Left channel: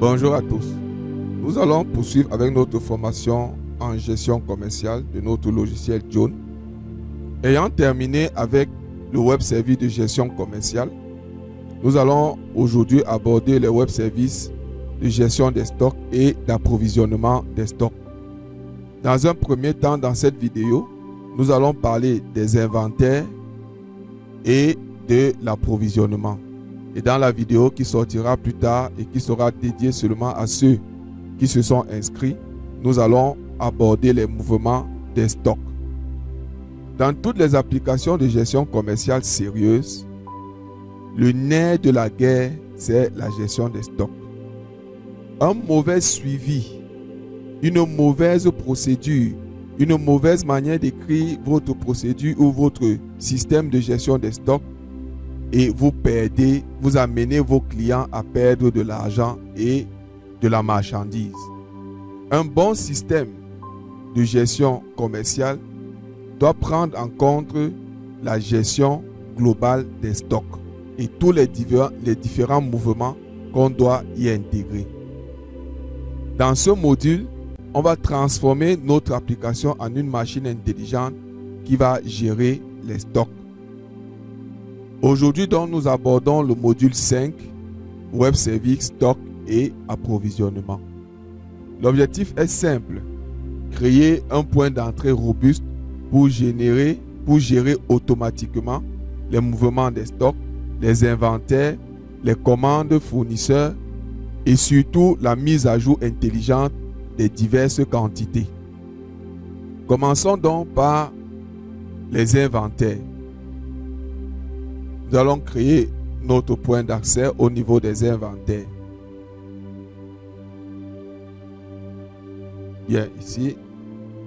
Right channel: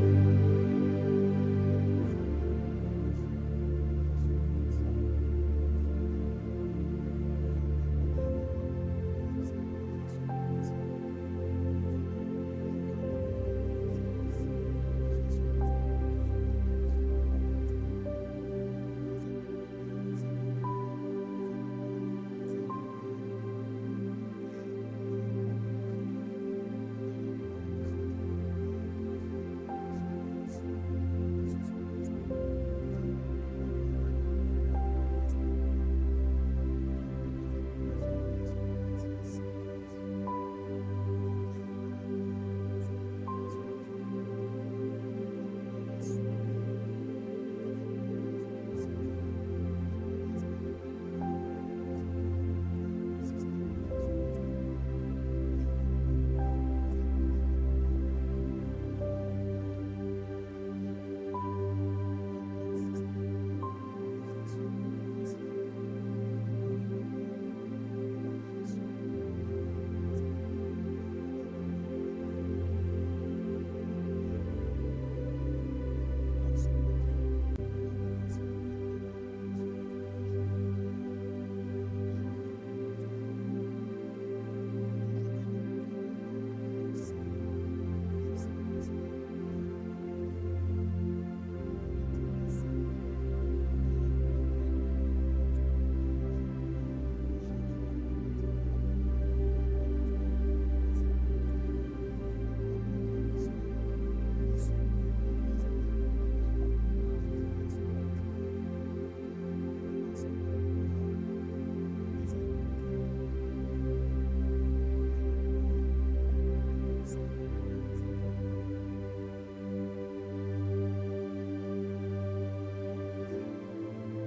Bonjour à tous. Nous allons poursuivre avec notre formation en gestion commerciale de notre logiciel John. Ayant terminé avec le web service de gestion commerciale, nous allons aujourd'hui aborder les web services de gestion des stocks et d'approvisionnement des stocks. Dans un premier temps, dans cette vidéo, nous allons parler des inventaires et de l'approvisionnement. Et dans la vidéo qui sortira plus tard et qui sera dédiée seulement à ceux qui se sont inscrits, nous allons aborder les mouvements des stocks. Dans toutes les applications de gestion commerciale sérieuses, le nerf de la guerre, c'est la gestion des stocks. Un mauvais suivi, une mauvaise procédure, une mauvaise manière d'écrire votre procédure ou votre système de gestion des stocks et vous amenez vos clients à perdre de l'argent et de la marchandise. Un bon système de gestion commerciale doit prendre en compte la gestion globale des stocks et tous les différents mouvements qu'on doit y intégrer. Dans ce module, on va transformer notre application en une machine intelligente qui va gérer les stocks. Aujourd'hui, donc, nous abordons le module 5, Web Service, Stock et Approvisionnement. L'objectif est simple, créer un point d'entrée robuste pour gérer automatiquement les mouvements des stocks, les inventaires, les commandes fournisseurs et surtout la mise à jour intelligente des diverses quantités. Commençons donc par les inventaires. Nous allons créer notre point d'accès au niveau des inventaires. Bien, ici,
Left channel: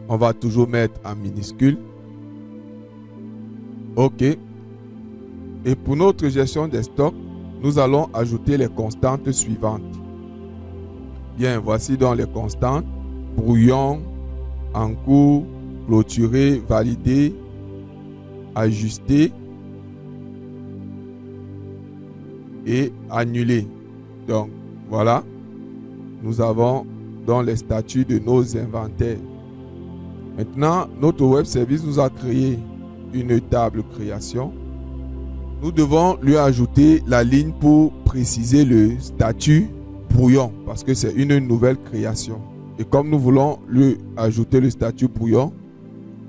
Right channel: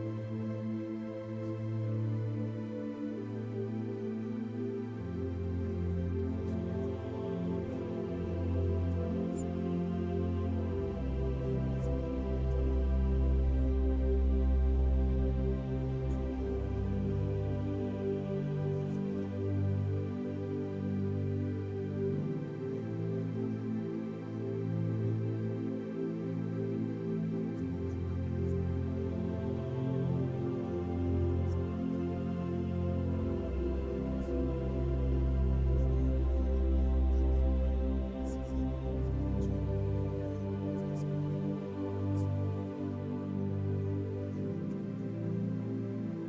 on va toujours mettre en minuscule. OK. Et pour notre gestion des stocks, nous allons ajouter les constantes suivantes. Bien, voici donc les constantes. Brouillon, en cours, clôturé, validé, ajusté et annulé. Donc, voilà. Nous avons dans les statuts de nos inventaires. Maintenant, notre web service nous a créé une table création. Nous devons lui ajouter la ligne pour préciser le statut brouillon parce que c'est une nouvelle création. Et comme nous voulons lui ajouter le statut brouillon,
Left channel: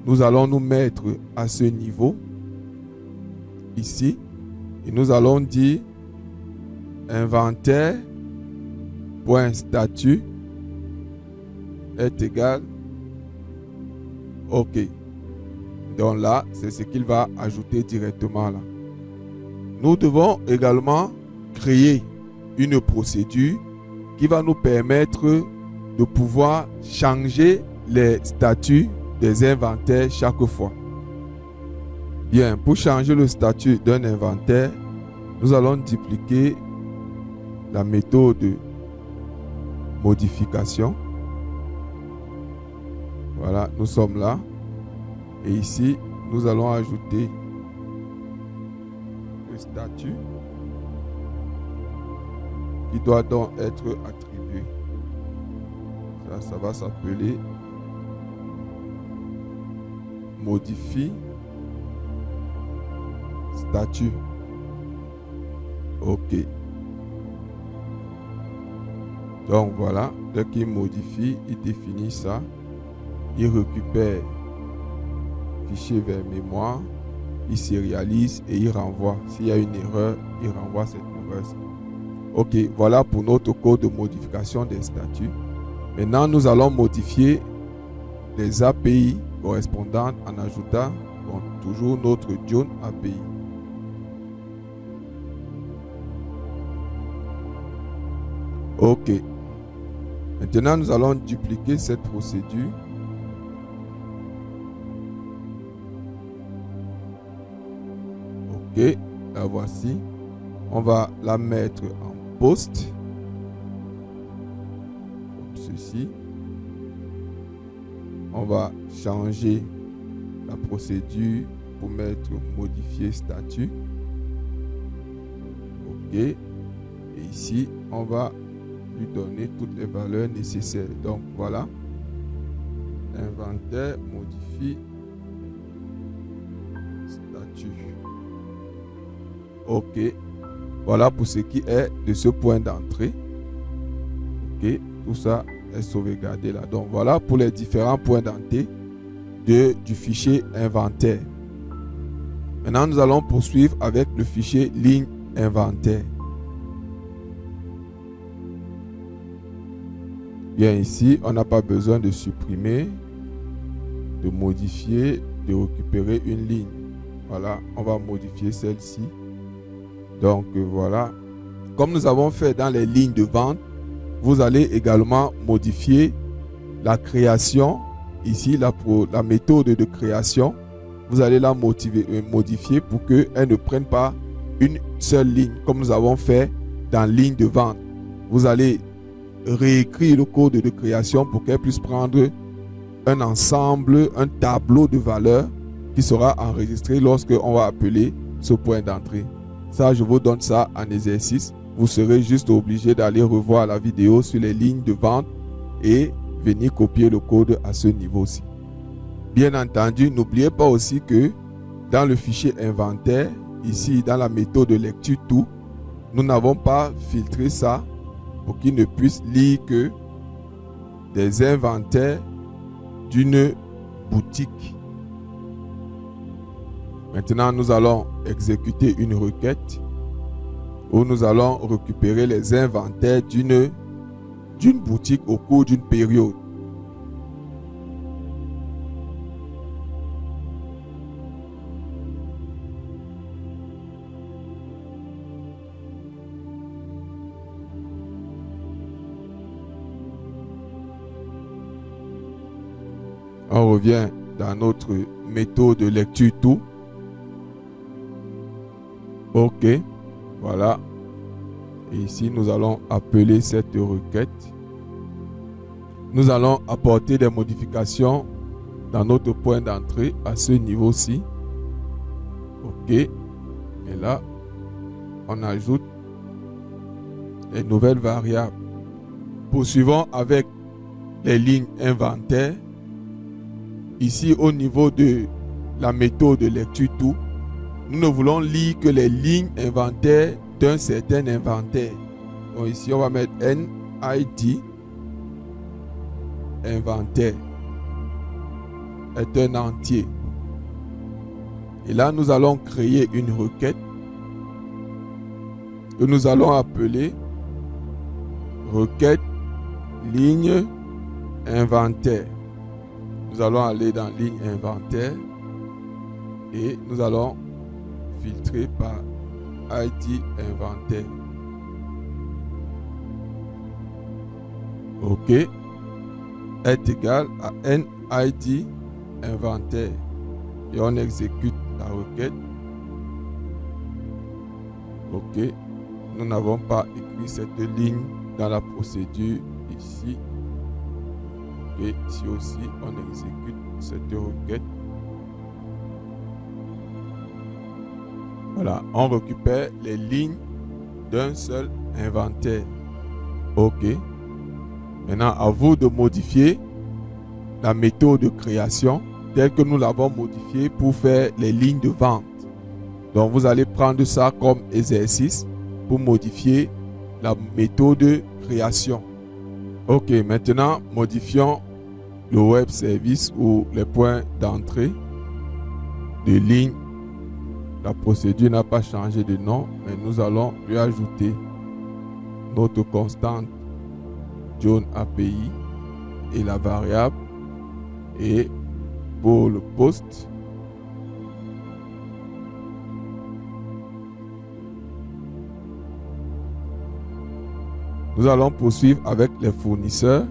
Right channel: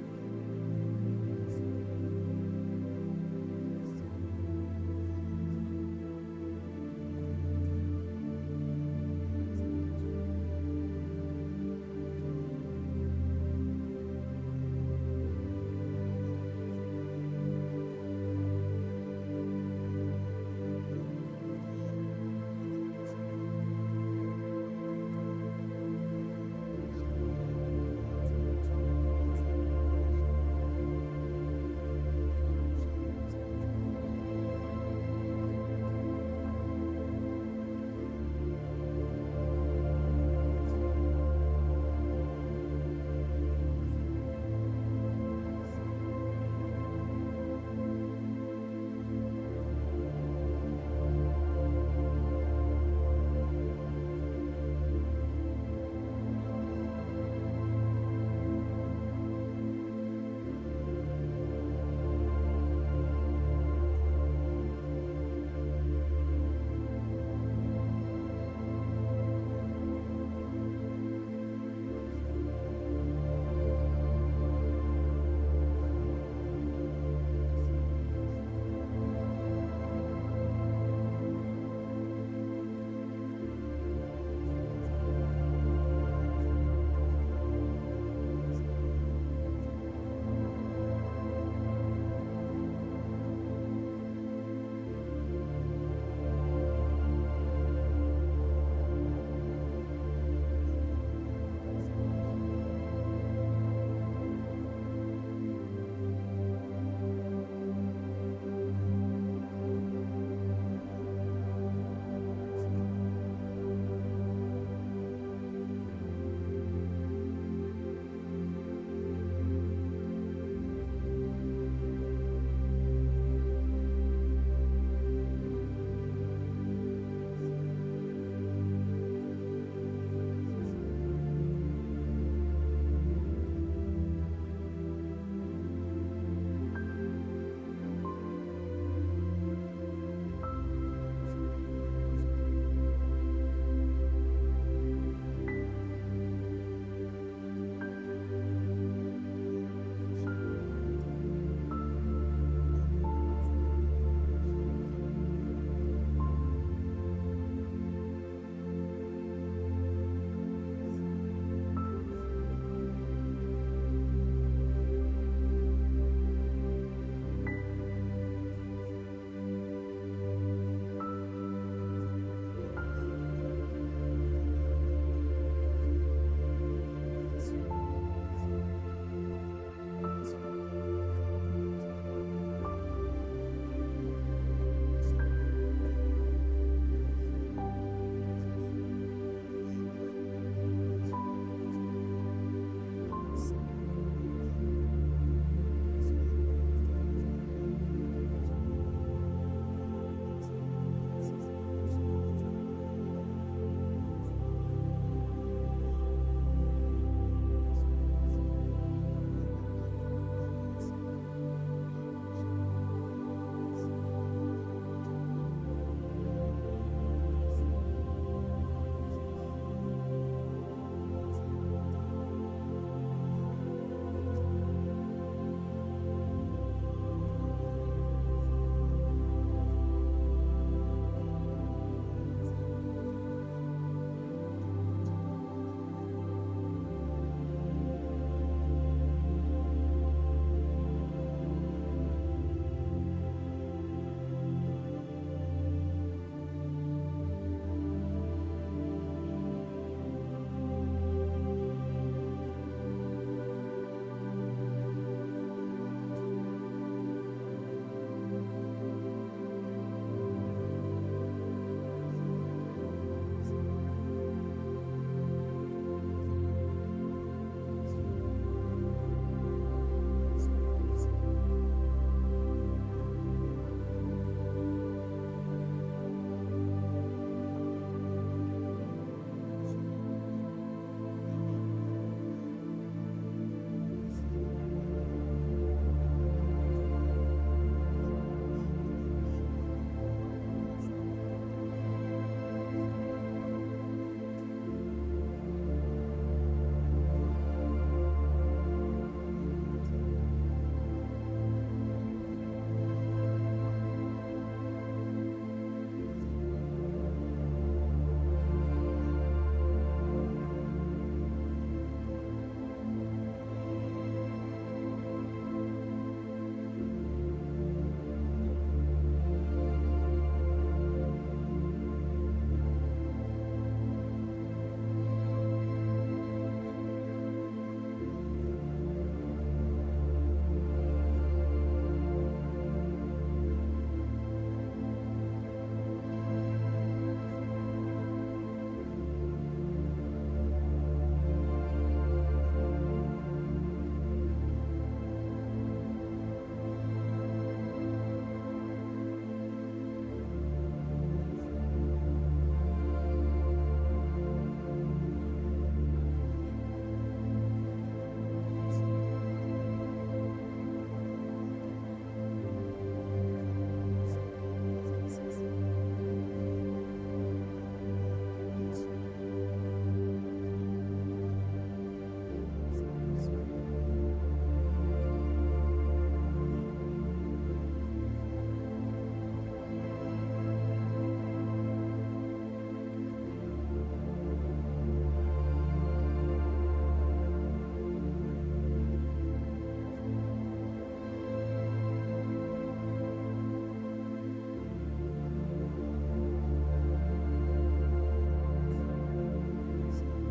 nous allons nous mettre à ce niveau ici et nous allons dire inventaire.statut est égal OK. Donc là, c'est ce qu'il va ajouter directement là. Nous devons également créer une procédure qui va nous permettre de pouvoir changer les statuts des inventaires chaque fois. Bien, pour changer le statut d'un inventaire, nous allons dupliquer la méthode de modification. Voilà, nous sommes là. Et ici, nous allons ajouter le statut qui doit donc être attribué. Ça va s'appeler modifie statut. OK. Donc voilà, dès qu'il modifie, il définit ça. Il récupère le fichier vers mémoire, il sérialise et il renvoie. S'il y a une erreur, il renvoie cette erreur. OK, voilà pour notre code de modification des statuts. Maintenant, nous allons modifier les API correspondantes en ajoutant toujours notre John API. OK. Maintenant, nous allons dupliquer cette procédure. OK, la voici. On va la mettre en post. Comme ceci. On va changer la procédure pour mettre modifier statut. OK. Et ici, on va lui donner toutes les valeurs nécessaires. Donc voilà, inventaire, modifie, statut. Ok, voilà pour ce qui est de ce point d'entrée. Ok, tout ça est sauvegardé là. Donc voilà pour les différents points d'entrée du fichier inventaire. Maintenant, nous allons poursuivre avec le fichier ligne inventaire. Bien, ici, on n'a pas besoin de supprimer, de modifier, de récupérer une ligne. Voilà, on va modifier celle-ci. Donc voilà, comme nous avons fait dans les lignes de vente, vous allez également modifier la création. Ici, la méthode de création, vous allez la modifier pour qu'elle ne prenne pas une seule ligne, comme nous avons fait dans ligne de vente. Vous allez réécrire le code de création pour qu'elle puisse prendre un ensemble, un tableau de valeurs qui sera enregistré lorsque on va appeler ce point d'entrée. Ça, je vous donne ça en exercice. Vous serez juste obligé d'aller revoir la vidéo sur les lignes de vente et venir copier le code à ce niveau-ci. Bien entendu, n'oubliez pas aussi que dans le fichier inventaire, ici dans la méthode de lecture tout, nous n'avons pas filtré ça pour qu'il ne puisse lire que des inventaires d'une boutique. Maintenant, nous allons exécuter une requête où nous allons récupérer les inventaires d'une boutique au cours d'une période. On revient dans notre méthode de lecture tout. OK. Voilà. Et ici, nous allons appeler cette requête. Nous allons apporter des modifications dans notre point d'entrée à ce niveau-ci. OK. Et là, on ajoute les nouvelles variables. Poursuivons avec les lignes inventaires. Ici, au niveau de la méthode de lecture tout, nous ne voulons lire que les lignes inventaires d'un certain inventaire. Donc ici, on va mettre NID inventaire est un entier. Et là, nous allons créer une requête que nous allons appeler requête ligne inventaire. Nous allons aller dans ligne inventaire et nous allons filtrer par ID inventaire. OK. Est égal à NID inventaire. Et on exécute la requête. OK. Nous n'avons pas écrit cette ligne dans la procédure ici. Et ici aussi, on exécute cette requête. Voilà, on récupère les lignes d'un seul inventaire. OK. Maintenant, à vous de modifier la méthode de création telle que nous l'avons modifiée pour faire les lignes de vente. Donc, vous allez prendre ça comme exercice pour modifier la méthode de création. OK, maintenant, modifions le web service ou les points d'entrée de ligne. La procédure n'a pas changé de nom, mais nous allons lui ajouter notre constante John API et la variable. Et pour le poste, nous allons poursuivre avec les fournisseurs.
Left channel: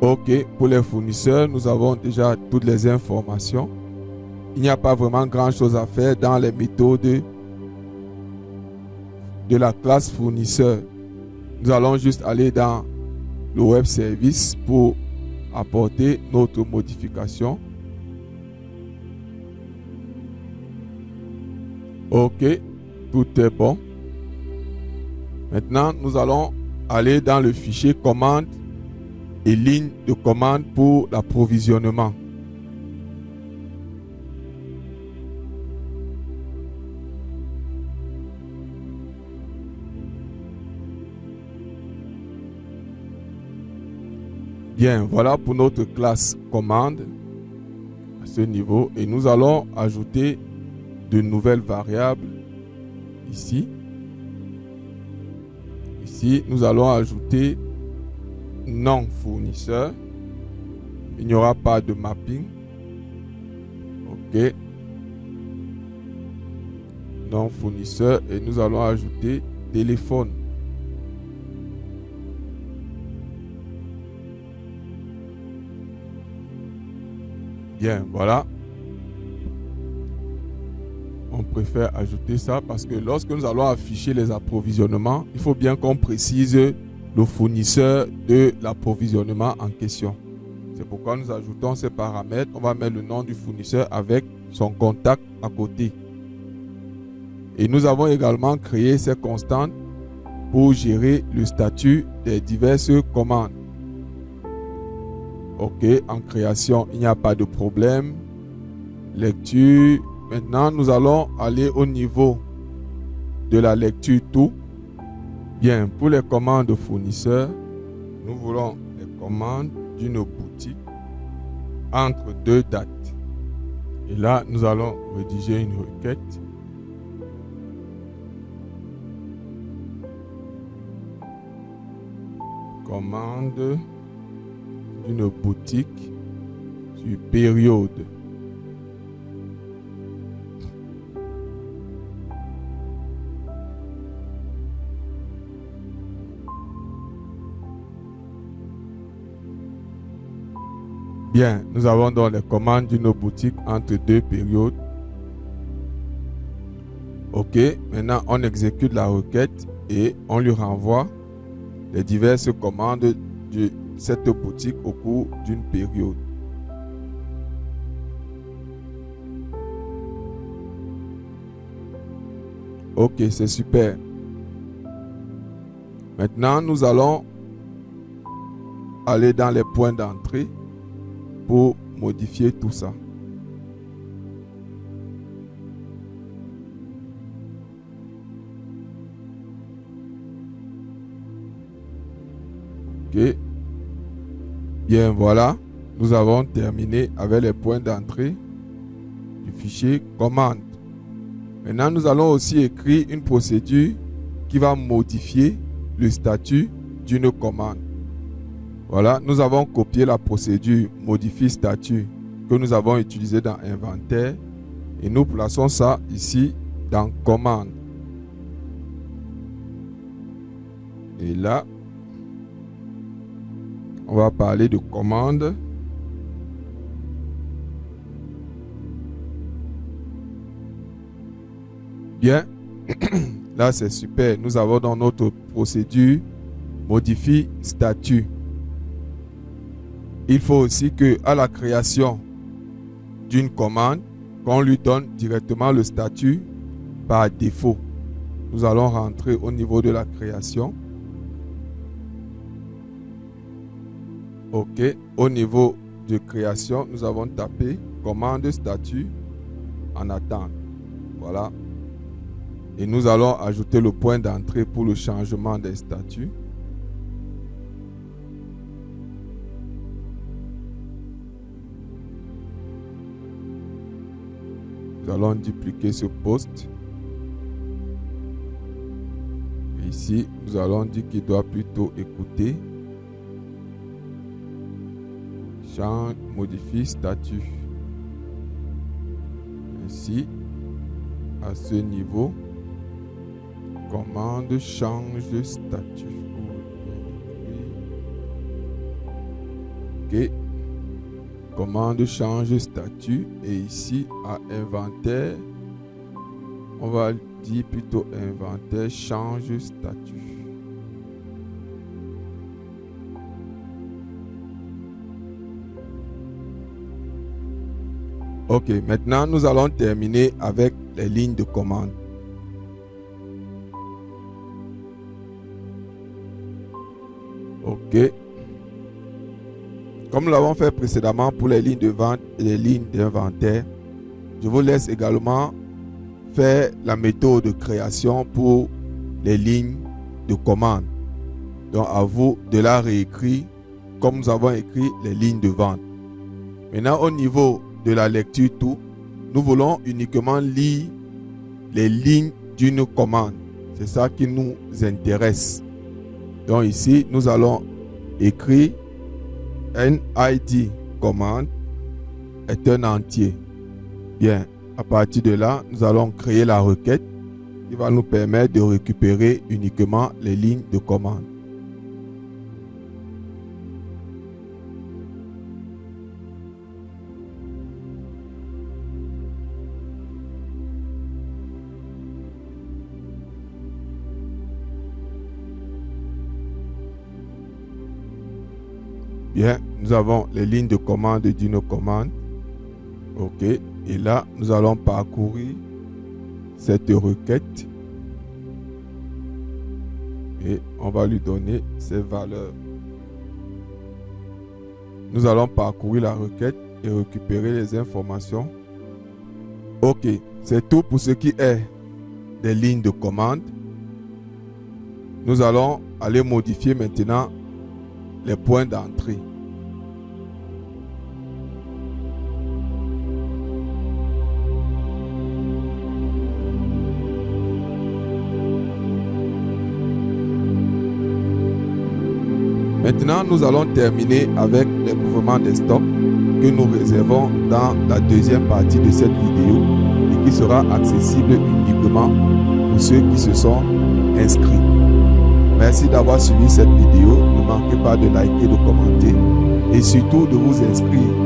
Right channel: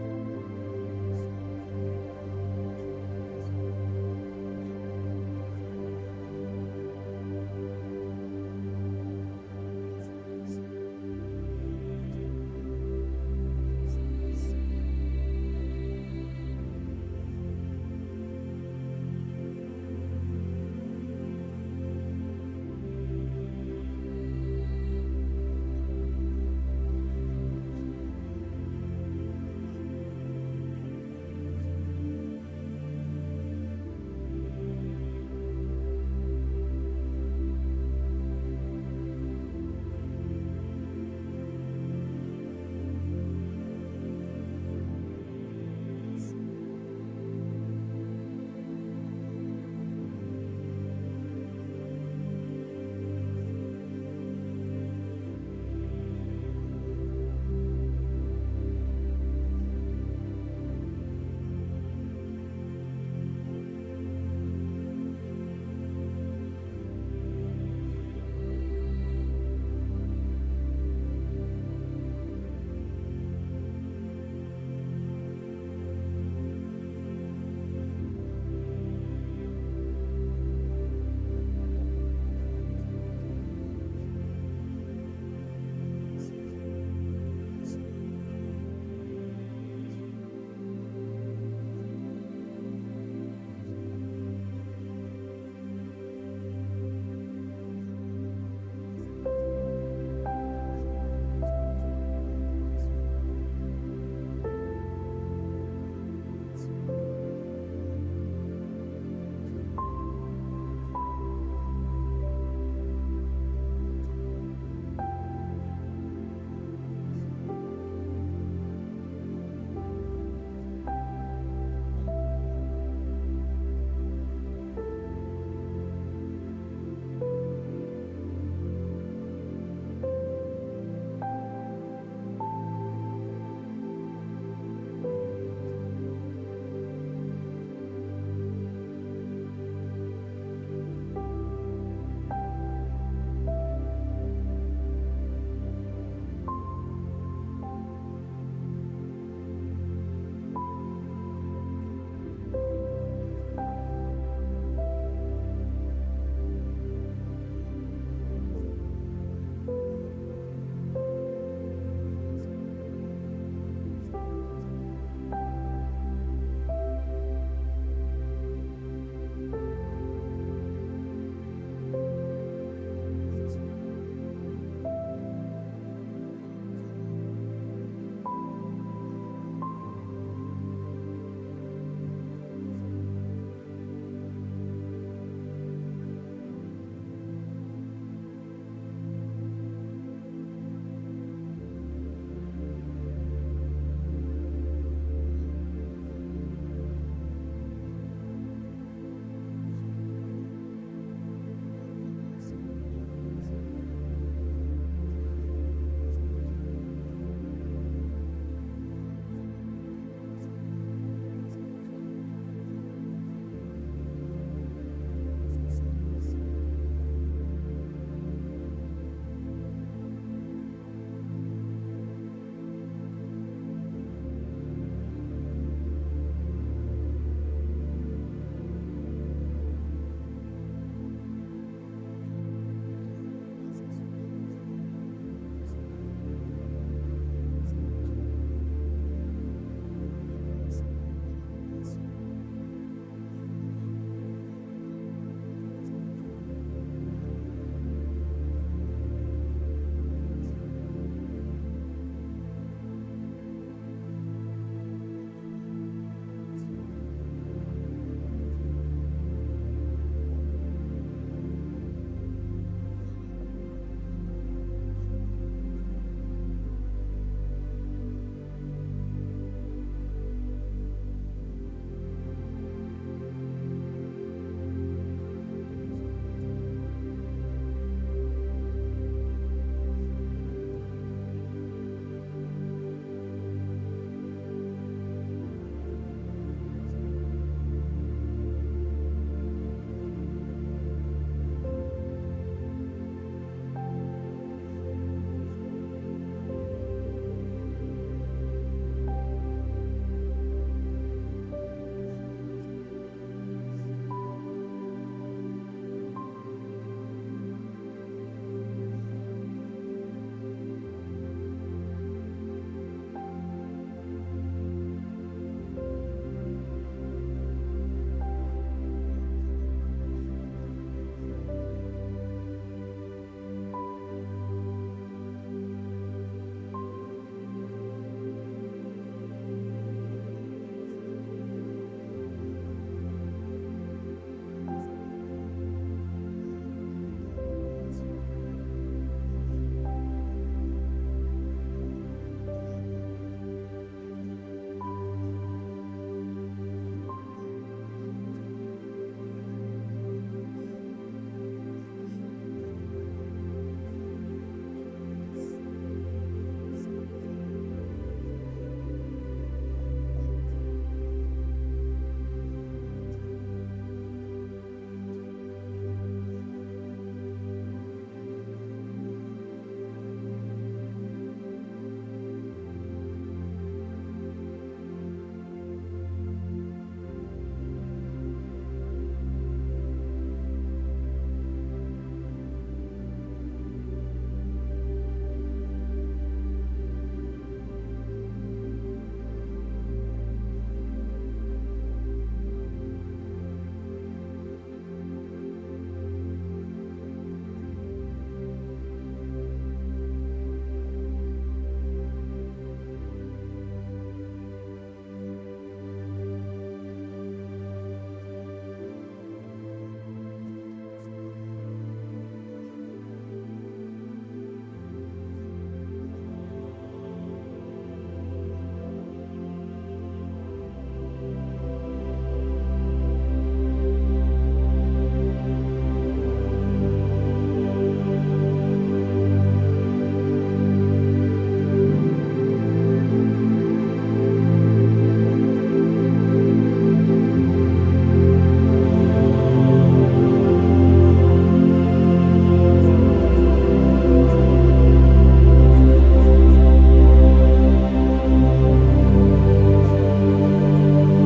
OK, pour les fournisseurs, nous avons déjà toutes les informations. Il n'y a pas vraiment grand-chose à faire dans les méthodes de la classe fournisseur. Nous allons juste aller dans le web service pour apporter notre modification. OK, tout est bon. Maintenant, nous allons aller dans le fichier commande et ligne de commande pour l'approvisionnement. Bien, voilà pour notre classe commande à ce niveau. Et nous allons ajouter de nouvelles variables ici. Ici, nous allons ajouter nom fournisseur. Il n'y aura pas de mapping. OK. Nom fournisseur et nous allons ajouter téléphone. Bien, voilà. On préfère ajouter ça parce que lorsque nous allons afficher les approvisionnements, il faut bien qu'on précise le fournisseur de l'approvisionnement en question. C'est pourquoi nous ajoutons ces paramètres. On va mettre le nom du fournisseur avec son contact à côté. Et nous avons également créé ces constantes pour gérer le statut des diverses commandes. OK, en création, il n'y a pas de problème. Lecture. Maintenant, nous allons aller au niveau de la lecture tout. Bien, pour les commandes fournisseurs, nous voulons les commandes d'une boutique entre deux dates. Et là, nous allons rédiger une requête. Commande d'une boutique sur période. Bien, nous avons donc les commandes d'une boutique entre deux périodes. OK, maintenant on exécute la requête et on lui renvoie les diverses commandes de cette boutique au cours d'une période. OK, c'est super. Maintenant, nous allons aller dans les points d'entrée pour modifier tout ça. OK. Bien, voilà. Nous avons terminé avec les points d'entrée du fichier commande. Maintenant, nous allons aussi écrire une procédure qui va modifier le statut d'une commande. Voilà, nous avons copié la procédure modifie statut que nous avons utilisée dans inventaire et nous plaçons ça ici dans commande. Et là, on va parler de commande. Bien, là c'est super. Nous avons dans notre procédure modifie statut. Il faut aussi que à la création d'une commande, qu'on lui donne directement le statut par défaut. Nous allons rentrer au niveau de la création. OK. Au niveau de création, nous avons tapé commande statut en attente. Voilà. Et nous allons ajouter le point d'entrée pour le changement des statuts. Nous allons dupliquer ce poste. Et ici, nous allons dire qu'il doit plutôt écouter. Change, modifie statut. Ici, à ce niveau, commande change statut. OK. Commande change statut et ici à inventaire, on va dire plutôt inventaire change statut. OK, maintenant nous allons terminer avec les lignes de commande. OK. Comme nous l'avons fait précédemment pour les lignes de vente et les lignes d'inventaire, je vous laisse également faire la méthode de création pour les lignes de commande. Donc à vous de la réécrire comme nous avons écrit les lignes de vente. Maintenant au niveau de la lecture tout, nous voulons uniquement lire les lignes d'une commande. C'est ça qui nous intéresse. Donc ici, nous allons écrire NID commande est un entier. Bien, à partir de là, nous allons créer la requête qui va nous permettre de récupérer uniquement les lignes de commande. Bien, nous avons les lignes de commande d'une commande. OK. Et là, nous allons parcourir cette requête. Et on va lui donner ses valeurs. Nous allons parcourir la requête et récupérer les informations. OK. C'est tout pour ce qui est des lignes de commande. Nous allons aller modifier maintenant les points d'entrée. Maintenant, nous allons terminer avec les mouvements des stocks que nous réservons dans la deuxième partie de cette vidéo et qui sera accessible uniquement pour ceux qui se sont inscrits. Merci d'avoir suivi cette vidéo. Ne manquez pas de liker, de commenter et surtout de vous inscrire